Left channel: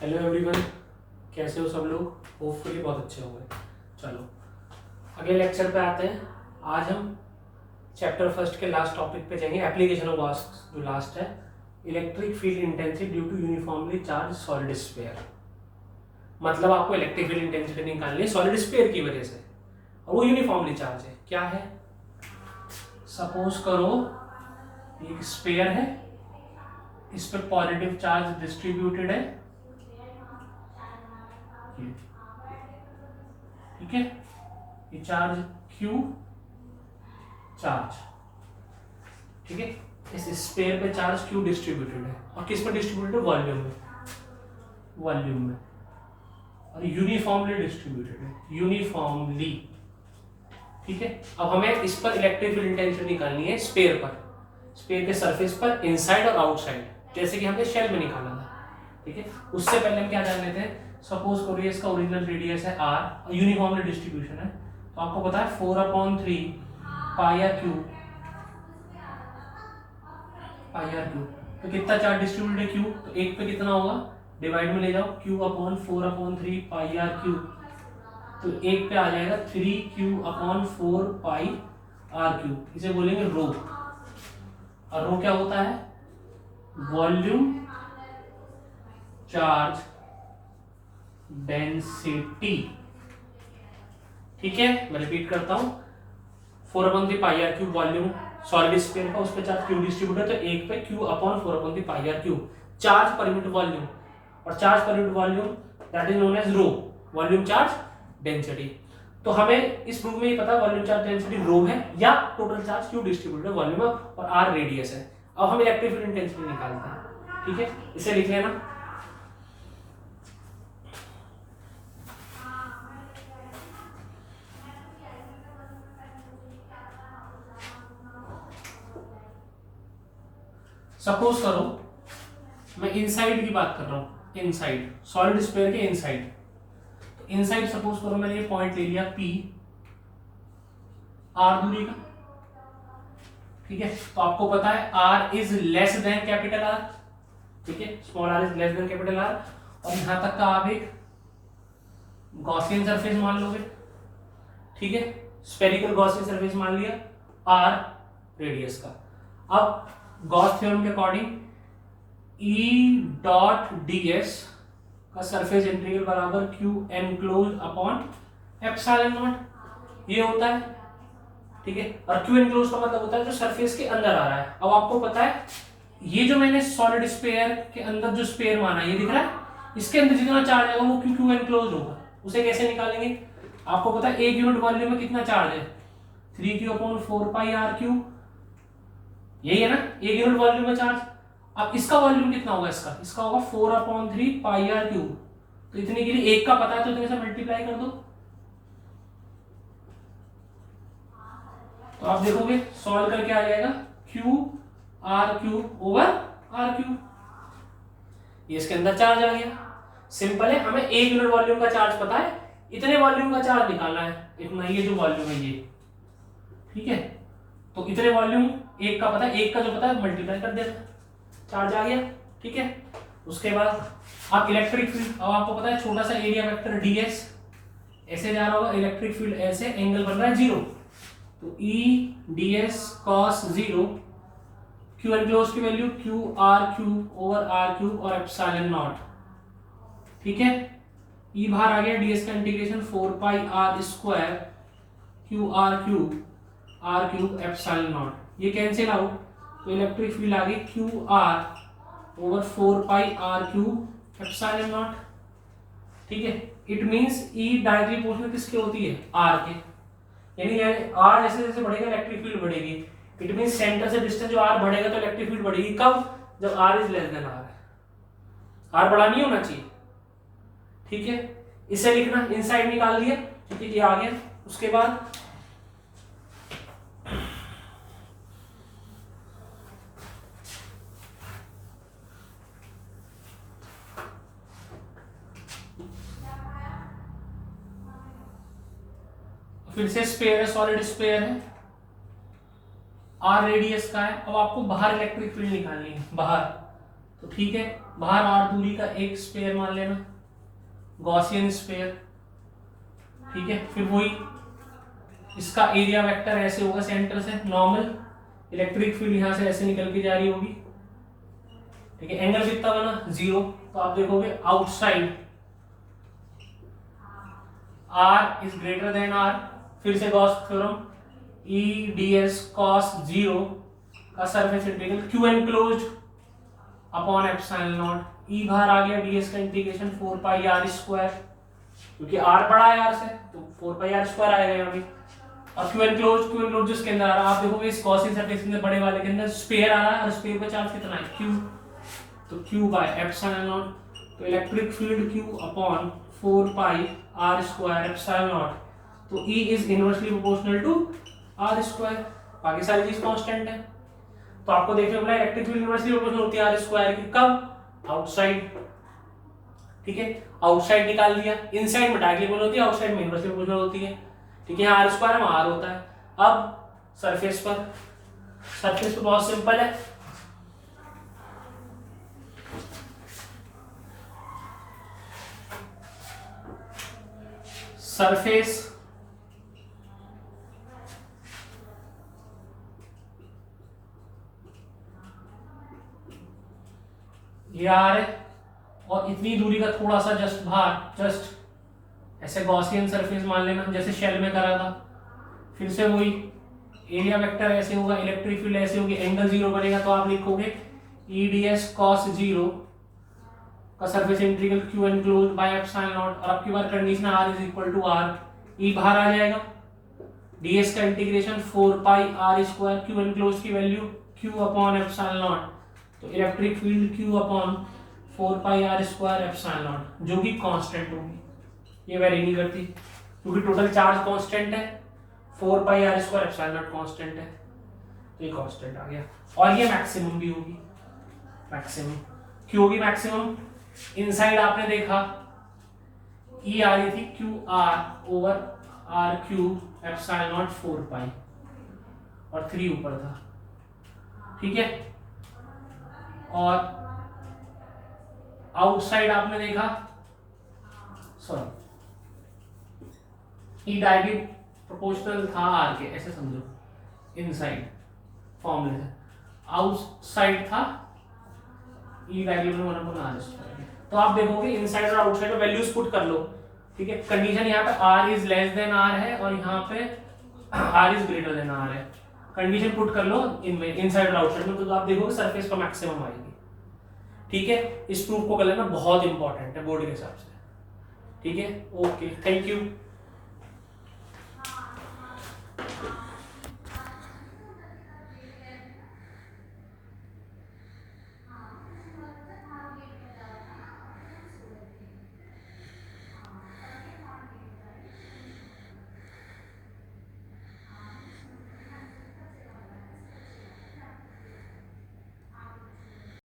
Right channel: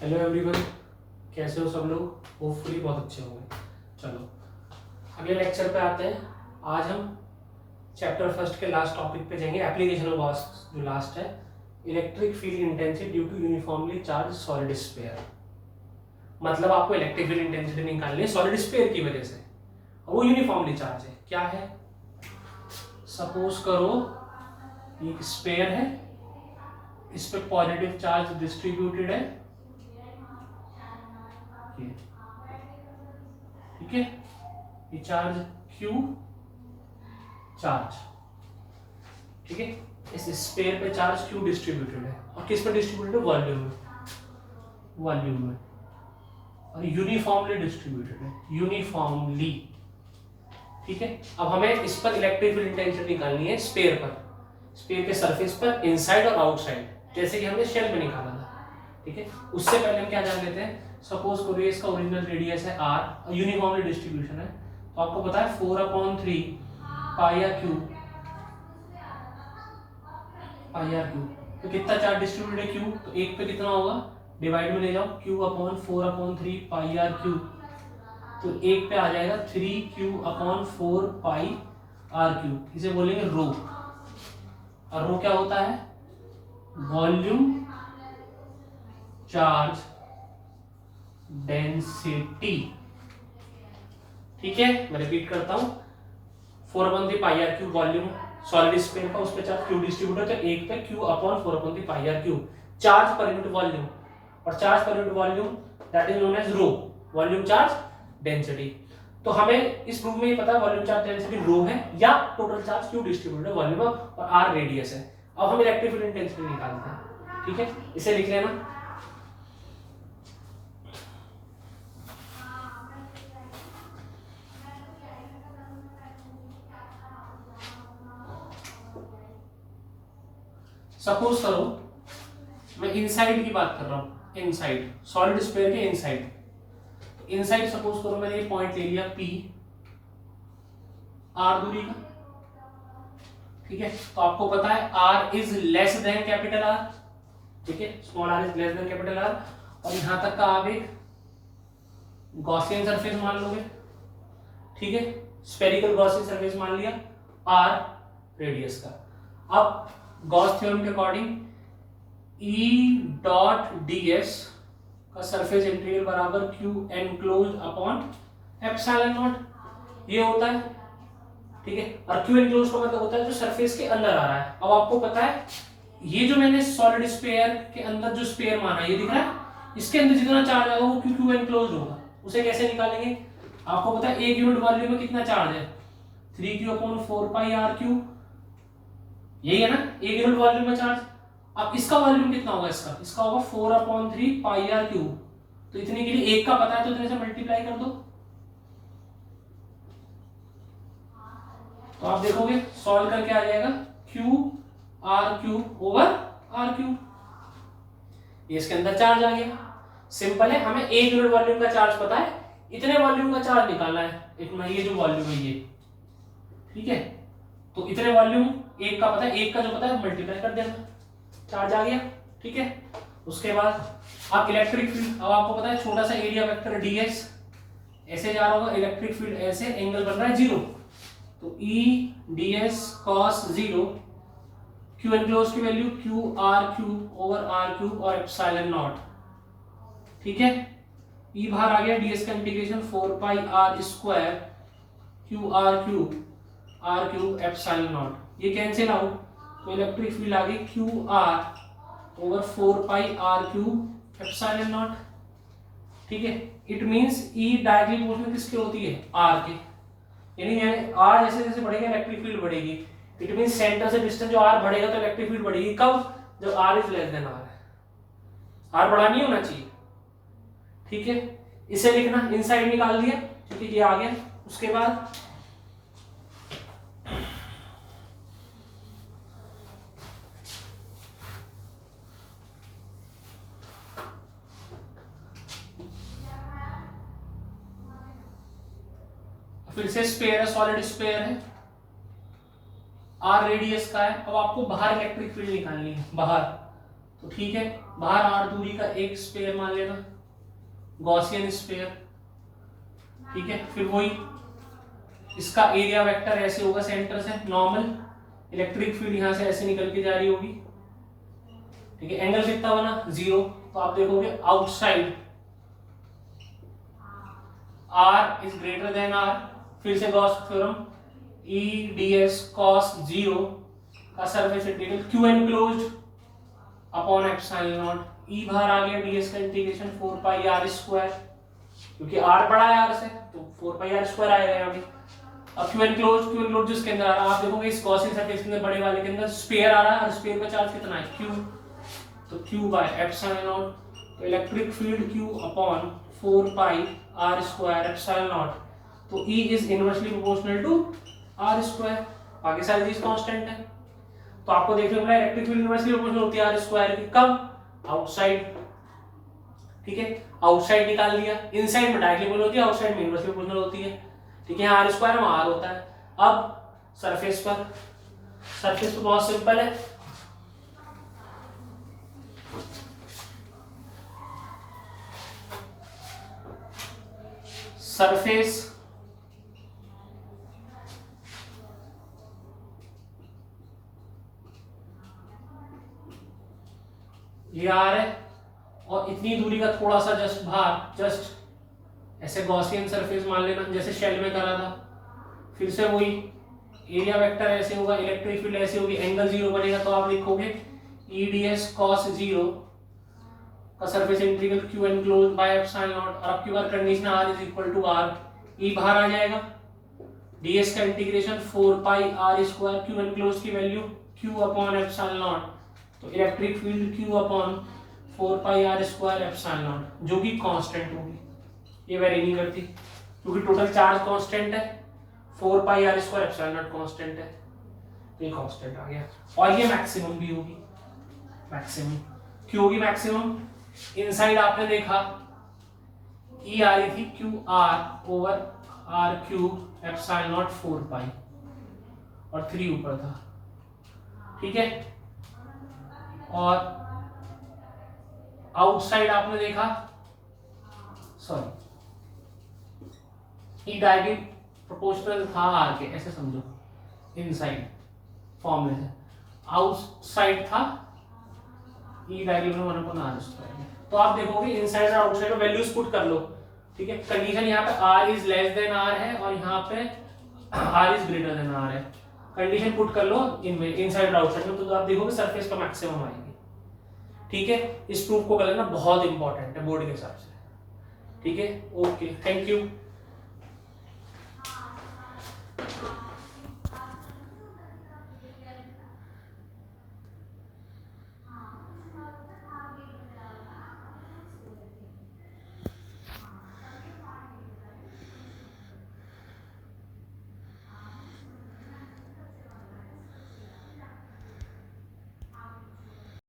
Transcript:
Hello everyone, कैसे हो सब लोग। होपफुली बहुत अच्छे होंगे। चलो अगले लेक्चर पे आते हैं। आज हम चैप्टर फर्स्ट के लास्ट टॉपिक पे जाएंगे, एप्लीकेशन ऑफ वास्ट जो लास्ट है, electric field intensity due to uniformly charge solid sphere. मतलब आपको इलेक्ट्रिक फील्ड इंटेंसिटी निकालनी है सॉलिड स्फीयर की वजह से, और वो यूनिफॉर्मली चार्ज है। क्या है, सपोज करो एक स्फीयर है, इस पे पॉजिटिव चार्ज डिस्ट्रीब्यूटेड है, ठीक है। ये चार्ज Q चार्ज, ठीक है। इस स्फीयर पे चार्ज Q डिस्ट्रीब्यूटेड है, और किस पे डिस्ट्रीब्यूटेड है? वॉल्यूम में, वॉल्यूम में, और यूनिफॉर्मली डिस्ट्रीब्यूटेड है, यूनिफॉर्मली, ठीक है। अब हमें इस पर इलेक्ट्रिक फील्ड इंटेंसिटी निकालनी है स्फीयर पर, स्फीयर के सरफेस पर, इनसाइड और आउटसाइड, जैसे कि हमने शेल में निकाला था, ठीक है। उससे पहले हम क्या जान लेते हैं। सपोज करिए इसका ओरिजिनल रेडियस है r, यूनिफॉर्मली डिस्ट्रीब्यूशन है, तो आपको पता है 4/3 pi R cube, pi R cube. तो कितना चार्ज डिस्ट्रीब्यूटेड है Q, तो एक पे कितना होगा, डिवाइड में ले जाओ, Q/4/3 पाई आर क्यूब, तो एक पे आ जाएगा 3Q/4 पाई आर क्यूब, इसे बोलेंगे रो। और रो क्या होता है? वॉल्यूम चार्ज डेंसिटी, ठीक है। मैं रिपीट करता हूं, 4/3 pi R cube volume solid sphere का, उस पे चार्ज Q डिस्ट्रीब्यूट है, तो एक पे Q/4/3 pi R cube charge per unit volume, और charge per unit volume that is known as rho, volume charge density. तो हमें इस प्रूफ में ये पता है वॉल्यूम चार्ज डेंसिटी रो है, या टोटल चार्ज Q डिस्ट्रीब्यूट है, वॉल्यूम और R रेडियस है। अब हम इलेक्ट्रिक फील्ड इंटेंसिटी निकालते हैं, ठीक है। इसे लिख लेना, सपोज करो मैं इनसाइड की बात कर रहा हूं, इनसाइड सॉलिड स्फीयर के इनसाइड, तो इनसाइड सपोज करो मैंने ये पॉइंट ले लिया P, R दूरी का, ठीक है। तो आपको पता है R is less than capital R, ठीक है, small r is less than capital R, और यहां तक का आप एक गॉसियन सरफेस मान लोगे, ठीक है, स्फेरिकल गॉसियन सरफेस मान लिया R रेडियस का। अब गॉस थ्योरम के अकॉर्डिंग E.ds का सरफेस इंटीग्रल बराबर Q enclosed upon epsilon not, ये होता है, ठीक है। और Q एनक्लोज्ड का मतलब होता है जो सरफेस के अंदर आ रहा है। अब आपको पता है ये जो मैंने सॉलिड स्फीयर के अंदर जो स्फीयर माना, ये दिख रहा है, इसके अंदर जितना चार्ज होगा वो Q एनक्लोज्ड होगा। उसे कैसे निकालेंगे? आपको पता है एक यूनिट वॉल्यूम में कितना चार्ज है, 3Q/4 पाई आर क्यूब, यही है ना एक यूनिट वॉल्यूम में चार्ज। अब इसका वॉल्यूम कितना होगा, इसका होगा 4/3 पाई आर क्यूब, तो इतने के लिए एक का पता है, तो इतने से मल्टीप्लाई कर दो, तो आप देखोगे सॉल्व करके आ जाएगा Q/r³ ये इसके अंदर चार्ज आ गया। सिंपल है, हमें एक यूनिट वॉल्यूम का चार्ज पता है, इतने वॉल्यूम का चार्ज निकालना है, इतना ये जो वॉल्यूम है ये, ठीक है। तो इतने वॉल्यूम एक का पता है, एक का जो पता है मल्टीप्लाई कर देना, चार्ज आ गया, ठीक है। उसके बाद आप इलेक्ट्रिक फील्ड, अब आपको पता है छोटा सा एरिया वेक्टर ds ऐसे जा रहा होगा, इलेक्ट्रिक फील्ड ऐसे, एंगल बन रहा है 0, तो E.ds cos 0, Q एनक्लोज की वैल्यू Q/r³ और एप्सिलॉन नॉट, ठीक है। E बाहर आ गया, ds का integration 4 pi r square Q/r³ epsilon not, ये कैंसिल आउट, तो इलेक्ट्रिक फील्ड आ गई Q/4 pi r³ epsilon not, ठीक है। It means E directly proportional किसके होती है, R के, यानी R जैसे जैसे बढ़ेगा इलेक्ट्रिक फील्ड बढ़ेगी। इट मींस सेंटर से डिस्टेंस जो R बढ़ेगा तो इलेक्ट्रिक फील्ड बढ़ेगी, कब? जब R is less than R है, R बड़ा नहीं होना चाहिए, ठीक है। इसे लिखना, इनसाइड निकाल दिया, ठीक है, ये आ गया। उसके बाद फिर से स्फीयर है, सॉलिड स्फीयर है, R रेडियस का है। अब आपको बाहर इलेक्ट्रिक फील्ड निकालनी है, बाहर तो ठीक है, बाहर r दूरी का एक स्पेयर मान लेना, गॉसियन स्पेयर, ठीक है। फिर वही इसका एरिया वेक्टर ऐसे होगा सेंटर से नॉर्मल, इलेक्ट्रिक फील्ड यहां से ऐसे निकल के जा रही होगी, ठीक है। एंगल कितना बना 0, तो आप देखोगे outside r is greater than r, फिर से Gauss theorem, E ds cos 0 का surface integral q enclosed upon epsilon not, E बाहर आ गया, ds का इंटीग्रेशन 4 पाई r स्क्वायर, क्योंकि r बड़ा है r से तो 4 पाई r स्क्वायर आएगा यहाँ पे। अब q एनक्लोज्ड जिसके अंदर आ रहा है, आप देखोगे इस गॉसियन सरफेस के अंदर बड़े वाले के अंदर स्फीयर आ रहा है, और स्फीयर का चार्ज कितना है q, तो q बाय एप्सिलॉन नॉट, तो electric field q upon 4 pi r square epsilon naught, तो E is inversely proportional to r square, बाकी सारी चीज कांस्टेंट है। तो आपको देखने को मिला इलेक्ट्रिक फील्ड इनवर्सली प्रोपोर्शनल होती है r स्क्वायर की, कब आउटसाइड, ठीक है। आउटसाइड निकाल दिया, इनसाइड में डायरेक्टली प्रोपोर्शनल होती है, आउटसाइड में इनवर्सली प्रोपोर्शनल होती है, ठीक है। यहाँ r स्क्वायर में r होता है। अब सरफेस पर बहुत सिंपल है, सरफेस ये r है, और इतनी दूरी का थोड़ा सा जस्ट बाहर, जस्ट ऐसे गॉसियन सरफेस मान लेना जैसे शेल में करा था। फिर से वही एरिया वेक्टर ऐसे होगा, इलेक्ट्रिक फील्ड ऐसे होगी, एंगल 0 बनेगा, तो आप लिखोगे E ds cos 0 का surface integral q enclosed by epsilon naught, और अब की बार condition r is equal to r, E बाहर आ जाएगा, ds का integration 4 pi r square, q enclosed की value q upon epsilon naught, तो electric field q upon 4 pi r square epsilon naught, जो कि कांस्टेंट होगी, ये वेरी नहीं करती क्योंकि टोटल चार्ज कांस्टेंट है, 4 pi r square epsilon not constant है, तो ये कांस्टेंट आ गया। और ये मैक्सिमम भी होगी, मैक्सिमम क्यों होगी मैक्सिमम, इनसाइड आपने देखा E आ रही थी q r over r cube epsilon not 4 पाई, और 3 ऊपर था, ठीक है। और आउटसाइड आपने देखा, सॉरी E डायरेक्टली प्रोपोर्शनल था r के, ऐसे समझो, इनसाइड फॉर्मूले से, आउटसाइड था E डायरेक्टली 1/r स्क्वायर। तो आप देखोगे इनसाइड और आउटसाइड में वैल्यूज पुट कर लो, ठीक है। कंडीशन यहाँ पे r is less than r है, और यहाँ पे r is greater than r है, कंडीशन पुट कर लो इनमें, इनसाइड और आउटसाइड में, तो आप देखोगे सरफेस का मैक्सिमम आएगी, ठीक है। इस प्रूफ को कर लेना, बहुत इंपॉर्टेंट है बोर्ड के हिसाब से, ठीक है। Okay, thank you.